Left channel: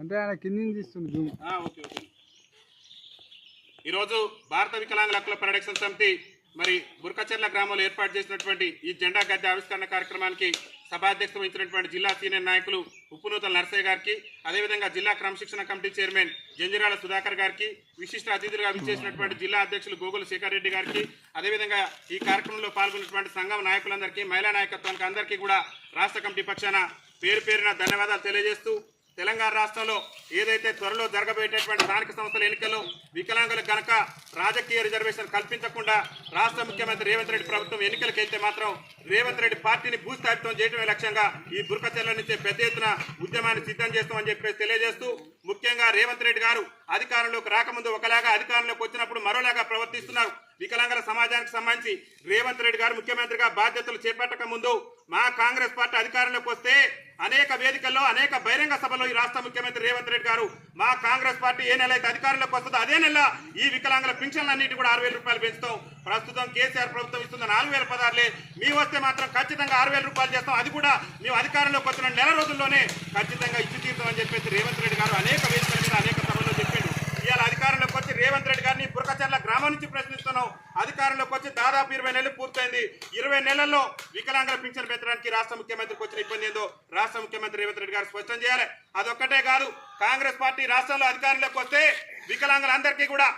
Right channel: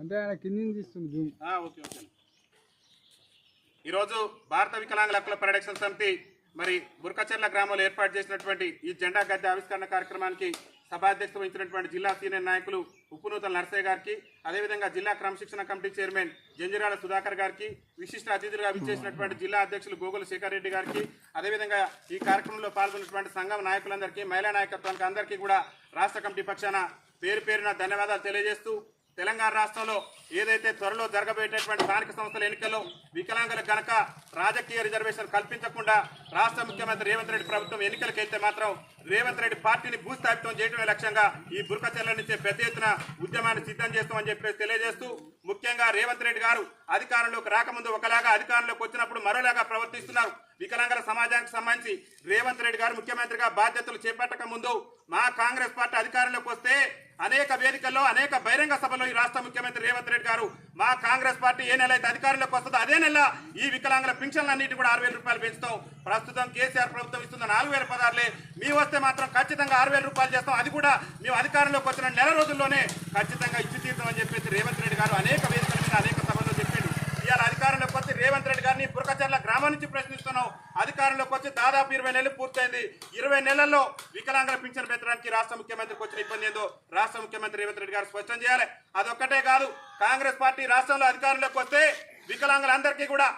అంటే ఆయన కింది తీస్తుంది. ఈరోజు భారత వికలాంగుల హక్కుల పరిరక్షణ సమితి మరి బుర్కచెర్ల గ్రామంలో ఏర్పాటు చేసినటువంటి ఈ జెండా గద్దె ఆవిష్కరణ కార్యక్రమానికి సభాధ్యక్షత వహించినటువంటి జిల్లా సీనియర్ నాయకులు ఉప్పునూతల నరసయ్య గారికి, అదేవిధంగా జిల్లా క్రమశిక్షణ కమిటీ చైర్మన్ జంజిరాల సుధాకర్ గారికి, విశిష్ట అతిథులుగా విచ్చేసినటువంటి జిల్లా అధ్యక్షులు గోగుల శేఖర్ రెడ్డి గారికి, అదేవిధంగా ఈ కార్యక్రమంలో పాల్గొన్నటువంటి సంఘం నాయకులందరికీ, మహిళా నాయకత్వానికి అందరికీ కూడా రాష్ట్ర కమిటీ పక్షాన పేరు పేరున ధన్యవాదాలు తెలియజేస్తూ, తెలంగాణ రాష్ట్రంలో ఏదైతే త్వరలో జరగబోయేటటువంటి స్థానిక సంస్థల ఎన్నికల్లో వికలాంగులకు గనక రాజకీయ రిజర్వేషన్ కల్పించకుండా రాష్ట్ర ముఖ్యమంత్రి రేవంత్ రెడ్డి ప్రభుత్వం ఎన్నికలకు వెళ్తే మాత్రం రేవంత్ రెడ్డి పార్టీని భూస్థాపితం చేయడమే లక్ష్యంగా ఈ బుర్కచెర్ల నుంచే పెద్ద ఎత్తున ఉద్యమాన్ని సిద్ధం చేస్తామని చెప్పేసి తెలియజేస్తూ, ముఖ్యంగా రేవంత్ రెడ్డి గారు అధికారంలోకి రాకముందు ఒకలాగా, అధికారంలోకి వచ్చినప్పుడు మరోలాగా ప్రవర్తిస్తున్నారు. వికలాంగుల సమాజానికి సంబంధించి రేవంత్ రెడ్డి గారు ముఖ్యమంత్రిగా బాధ్యతలు చేపట్టక ముందు మా కాంగ్రెస్ పార్టీ అధికారంలోకి వస్తే అనేక వేదికల్లో, అనేక బహిరంగ సభలో ఈ రాష్ట్ర ముఖ్యమంత్రి రేవంత్ రెడ్డి గారు మా కాంగ్రెస్ పార్టీ ఏ నెల అయితే అధికారంలోకి వస్తుందో అదే నెల ఈ వికలాంగుల పింఛన్లన్నిటి కూడా 6,000 రూపాయలు పెంచుతాం. ప్రస్తుతం కేసీఆర్ ప్రభుత్వం ఇస్తున్న 4,000 పదార్లే, మీ వస్తే మాత్రం ఖచ్చితంగా 6,000 రూపాయలు చేస్తాం. అది కూడా మేము అధికారంలోకి వచ్చిన నెల రోజుల్లోనే ఖచ్చితంగా ఇచ్చి తీరుతామని చెప్పేసి రేవంత్ రెడ్డి గారు అనేక వేదికల మీద, అనేక సభల్లో చెప్పిండు. ఇవాళ అధికారంలోకి వచ్చి రేవంత్ రెడ్డి గారిని బుర్కచెర్ల గ్రామం నుంచి ప్రశ్నిస్తున్నాం. అధికారంలోకి వచ్చి దాదాపు 20 నెలలు పూర్తయింది. 20 నెలల్లో వికలాంగుల పింఛన్ పెంచడానికి రాష్ట్ర ముఖ్యమంత్రికి వచ్చిన ఇబ్బంది ఏందో రాష్ట్ర ముఖ్యమంత్రి రేవంత్ రెడ్డి గారు స్పష్టం చేయాలి. అదొక్కటే కాదు, కాంగ్రెస్ పార్టీ రాష్ట్రంలో అధికారంలోకి వస్తే వికలాంగులందరికీ కూడా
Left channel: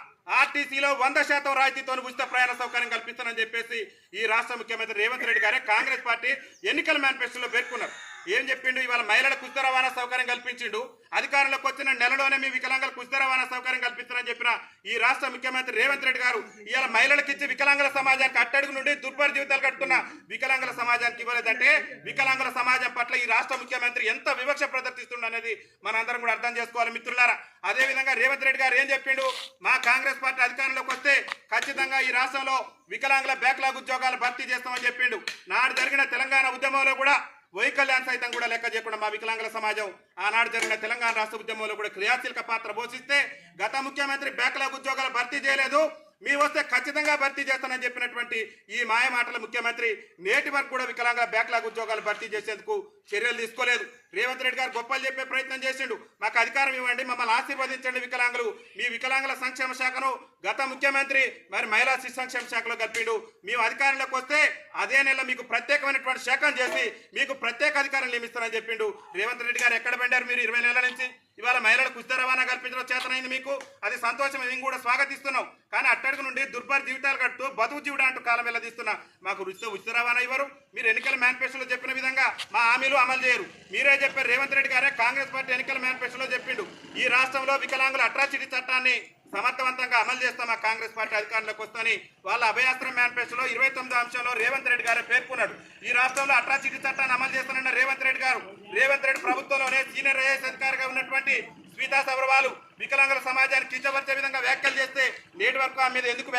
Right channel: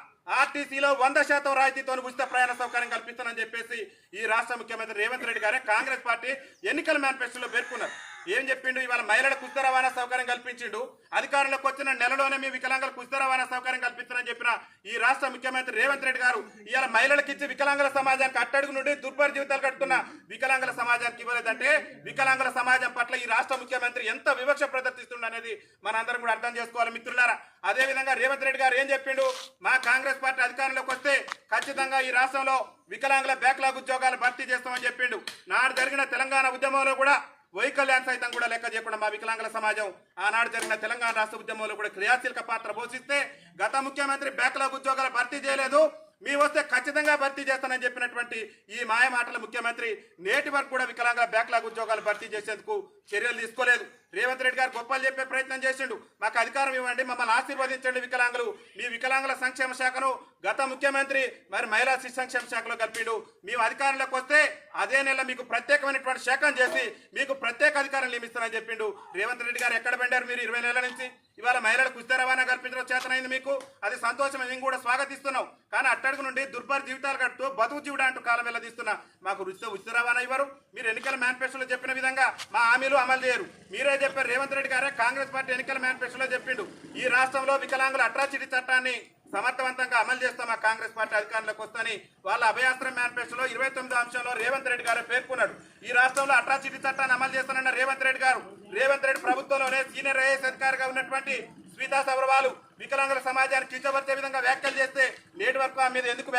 ఆర్టీసీలో 100% రాయితీతో ఉచిత ప్రయాణ సౌకర్యం కల్పిస్తానని చెప్పేసి ఈ రాష్ట్ర ముఖ్యమంత్రి రేవంత్ రెడ్డి గారే కాంగ్రెస్ పార్టీ ఎన్నికల మేనిఫెస్టోలో పేర్కొన్నారు. ఏం చెప్పిండు? ఇవాళ మహిళలకు ఉచిత రవాణా సౌకర్యం కల్పించిండు. అధికారంలోకి వచ్చిన నెలలోనే మీ వికలాంగులకు ఉచిత రవాణా సౌకర్యం కల్పిస్తారని చెప్పిన ఈ రాష్ట్ర ముఖ్యమంత్రి రేవంత్ రెడ్డి గారు ఇవాళ మహిళలకు ఇచ్చి వికలాంగుల సమాజానికి అట్టడుగు నుండి దుర్భర జీవితాలు కట్టుకున్న వికలాంగుల సమాజానికి ఇవ్వలేదంటే వికలాంగుల సమాజం పట్ల ఈ రాష్ట్ర ముఖ్యమంత్రి ఎంత వివక్ష ప్రదర్శిస్తుండ అనేది మనందరం కూడా అర్థం చేసుకోవాలి మిత్రులారా. అదేవిధంగా రేవంత్ రెడ్డి గారు ఏం చెప్పిండు? మా కాంగ్రెస్ పార్టీ అధికారంలోకి వస్తే ఖచ్చితంగా ఈ రాష్ట్రంలో వికలాంగుల బ్యాక్లాగ్ ఉద్యోగాలు భర్తీ చేస్తామని చెప్పిండు. నాడు జరిగిన తెలంగాణ ఉద్యమంలో కూడా వైకల్యాన్ని సైతం కూడా లెక్క చేయకుండా మా వికలాంగుల సమాజం ఆనాడు జరిగిన తెలంగాణ రాష్ట్ర ఉద్యమంలో కూడా క్రియాశీలక పాత్ర పోషిస్తే గత ముఖ్యమంత్రి బ్యాక్లాగ్ ఉద్యోగాలు భర్తీ చేయలేదు, మీ వస్తే ఖచ్చితంగా భర్తీ చేస్తానని చెప్పినటువంటి ఈ మాయ మాటల ముఖ్యమంత్రి నేటి వరకు కూడా వికలాంగుల బ్యాక్లాగ్ ఉద్యోగాలు భర్తీ చేసేందుకు చర్యలు తీసుకోలేదు. రేవంత్ రెడ్డి గారు గొప్పలు చెప్పే ప్రయత్నం చేసిండు. మాకు అధికారం ఇవ్వండి, మమ్మల్ని ఆశీర్వదించండి వికలాంగులు. మీ వికలాంగుల సంక్షేమ శాఖను గత ముఖ్యమంత్రి మరి మహిళా శిశు సంక్షేమ శాఖలో కలిపిండు. మేము అధికారంలోకి వస్తే అదే నెల మీకు ప్రత్యేకమైనటువంటి శాఖను చేసి మీకు ప్రత్యేక అధికారం నియమిస్తానని చెప్పిండు. రేవంత్ రెడ్డి గారు ఎక్కడ పెట్టారు మీరు 20 నెలల నుంచి? ఇవాళ మహిళలకు ఉచిత రవాణా కల్పించడం చేతనైంది మీకు, అది సంతోషం, మేము కూడా స్వాగతిస్తున్నాం. కానీ అట్టడుగు నుండి దుర్భర జీవితాలు కడుతూ బతుకు జీవుడు అంటూ కాలం వెళ్ళదీస్తున్నా మాకు ఉచిత రవాణా ఇవ్వరు. మీరు ఎన్నికల మేనిఫెస్టోలో చెప్పిన విధంగా మా హామీలు అమలు చేయరు. మీరే చెప్పారు, రేవంత్ రెడ్డి గారే కాంగ్రెస్ పార్టీ ఎన్నికల మేనిఫెస్టోలో చెప్పిండు ఈ రాష్ట్రంలో వికలాంగుల అట్రాసిటీ చట్టాన్ని సమర్థవంతంగా అమలు చేస్తాం మా కాంగ్రెస్ పార్టీ అధికారంలోకి వస్తని వాళ్ళ అభయాస్త్రం మేనిఫెస్టోలో 29వ అంశంలో రేవంత్ రెడ్డి గారే పేర్కొన్నాడు. ఈ రాష్ట్రంలో అట్రాసిటీ చట్టాన్ని అమలు చేస్తానన్న రేవంత్ రెడ్డి గారు, రేవంత్ రెడ్డి ప్రభుత్వంలోనే సీనియర్ ఐఏఎస్ అధికారిగా ఉన్నటువంటి స్మితా సబర్వాల్ వికలాంగుల సమాజానికి కించపరిచే విధంగా వ్యాఖ్యలు చేస్తే నేటి వరకు ఆమె మీద ఎందుకు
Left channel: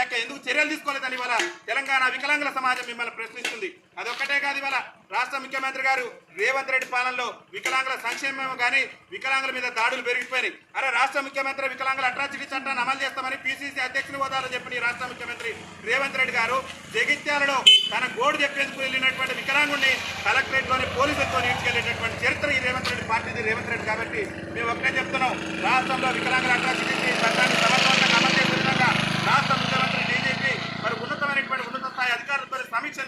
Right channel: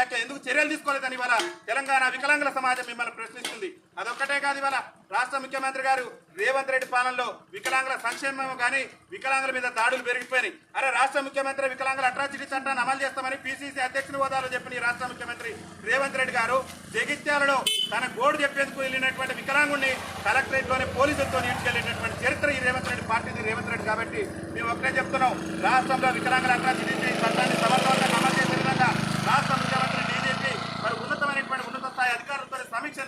చర్యలు తీసుకోలేదని ఇవాళ తెలంగాణ వికలాంగుల సమాజం మిమ్మల్ని ప్రశ్నిస్తుంది. అదొక్కటే కాదు, ఇవాళ రాష్ట్ర ముఖ్యమంత్రి గారు రేవంత్ రెడ్డి పాలనలో వికలాంగుల సంక్షేమం కానీ వికలాంగుల మీద దాడులు పెరిగిపోయినాయి. అరే రాష్ట్ర ముఖ్యమంత్రి వికలాంగుల అట్రాసిటీ చట్టాన్ని అమలు చేస్తామని పిసిసి అధ్యక్షుని హోదాలో చెప్పిన ఈ రాష్ట్ర ముఖ్యమంత్రి రేవంత్ రెడ్డి గారు జగిత్యాలలో తన గోడు చెప్పేందుకు వెళ్ళినటువంటి వికలాంగుడిని కలెక్టరేట్లోని పోలీసులతో ఈడ్చుకెళ్ళేటటువంటి చరిత్ర ఈ రేవంత్ రెడ్డి పార్టీది రేవంత్ రెడ్డి. కాబట్టి మేము ఒకటే చెప్తున్నాం, రాష్ట్రంలో వికలాంగుల అట్రాసిటీ చట్టాన్ని సమర్థవంతంగా అమలు చేసే విధంగా రాష్ట్ర ముఖ్యమంత్రి డీజీపీ మరి ఉన్నతమైనటువంటి ఉన్నత స్థాయి అధికారులతో సమీక్ష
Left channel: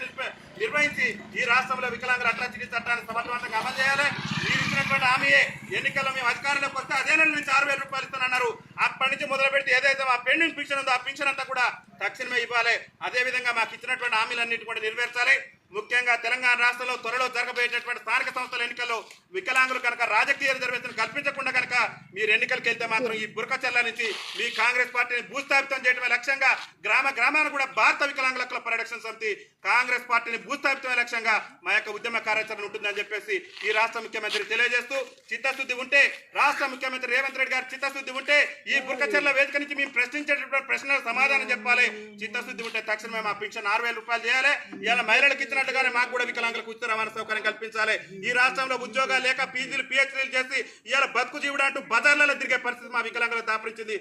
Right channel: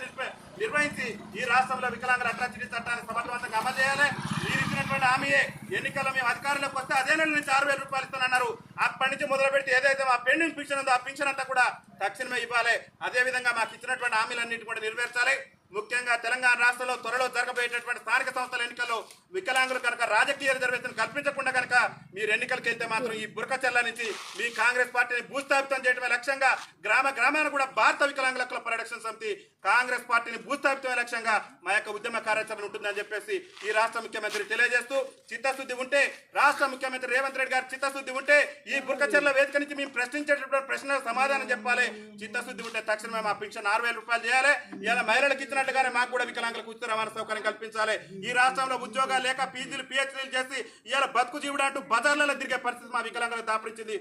నిర్వహించి ఈ రాష్ట్రంలో వికలాంగుల అట్రాసిటీ చట్టాన్ని సమర్థవంతంగా అమలు చేయాలి. మీరు ఇచ్చినటువంటి హామీయే ఎన్నికల్లో మేము అధికారంలోకి వస్తే అదే నెల నుంచి 6,000 రూపాయలు ఇస్తానన్నారు. అప్పటి నుంచి మొదలు పెడితే ఏదైతే మా పెండింగ్ పింఛన్ ఉందో ఆ పింఛన్ అంతా కూడా తక్షణమే ఇవ్వాలి. అదేవిధంగా మాకు ఇచ్చినటువంటి హామీలన్నింటి కూడా నెరవేర్చాలి. ముఖ్యంగా తెలంగాణ రాష్ట్రంలో త్వరలో జరగబోయేటటువంటి స్థానిక సంస్థల ఎన్నికల్లో వికలాంగులు కనుక రాజకీయ రిజర్వేషన్ కల్పించకుండా కనుక మీరు ఎన్నికలకు వెళ్తే మాత్రం ఈ బుర్కచెర్ల నుంచి మీ కాంగ్రెస్ పార్టీని భూస్థాపితం చేయడమే లక్ష్యంగా గ్రామాన్ని కూడా భారత వికలాంగుల హక్కుల పరిరక్షణ సమితి కాంగ్రెస్ పార్టీని భూస్థాపితమే లక్ష్యంగా మా యొక్క ఉద్యమ కార్యాచరణ ఉంటుందని చెప్పేసి ఈ రాష్ట్ర ముఖ్యమంత్రి తెలియజేస్తూ, చిత్తశుద్ధి ఉంటే రాష్ట్ర ముఖ్యమంత్రి రేవంత్ రెడ్డి గారు చిత్తశుద్ధి ఉంటే ఈ బుర్కచెర్ల వేదిక నుంచి మేము ప్రశ్నించేటటువంటి ప్రశ్నలకు సమాధానం చెప్పాలి. చిత్తశుద్ధి ఉంటే తక్షణమే మా పింఛన్ 6,000 రూపాయలు చేయాలి. ఇలా మహిళలకు ఇచ్చిన చెప్పినట్లుగానే మాకు కూడా వికలాంగులకు ఉచిత రవాణా సౌకర్యం కల్పించాలి. ఈ రాష్ట్రంలో ఉద్యోగాలు లేక పీజీలు పిహెచ్డీలు చేసి ఇవాళ బతుకు జీవుడు అంటూ బజార్లలో తిరిగే పరిస్థితి మా వికలాంగులకు దాపరించింది.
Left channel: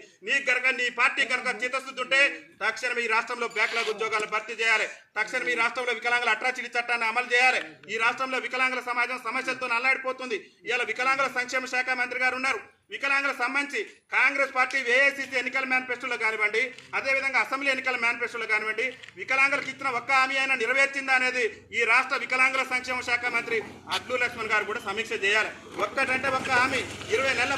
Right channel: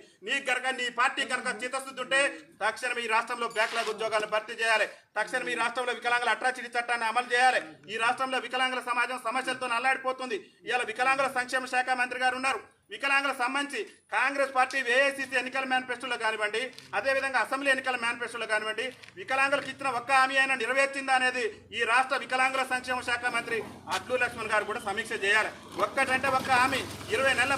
నీ పార్టీ కనుక చిత్తశుద్ధి ఉంటే తక్షణం ఈ రాష్ట్రంలో బ్యాక్లాగ్ ఉద్యోగాలను భర్తీ చేయాలి. తక్షణం ఈ రాష్ట్రంలో వికలాంగుల అట్రాసిటీ చట్టాన్ని అమలు చేయాలి. ఈ రాష్ట్రంలో వికలాంగుల సమాజం సమస్యలతో అల్లాడిపోతుంది. ఇవాళ వికలాంగుల సంక్షేమ శాఖ మంత్రి గారు ఉన్నారు. వికలాంగులకు సంబంధించి కాంగ్రెస్ పార్టీ ఏఐసిసి ఎన్నికల మేనిఫెస్టోలో కానివ్వండి, అదేవిధంగా అసెంబ్లీ ఎన్నికల మేనిఫెస్టోలో కానివ్వండి, వికలాంగులకు ఇచ్చిన ఒక్క హామీ అయినా నెరవేర్చిందా అనేది ఈ రాష్ట్ర వికలాంగుల సంక్షేమ శాఖ మంత్రి అడ్లూరి లక్ష్మణ్ గారు కూడా సమీక్ష చేయాలి. ఒక్కటంటే ఒక్క హామీ 20 నెలల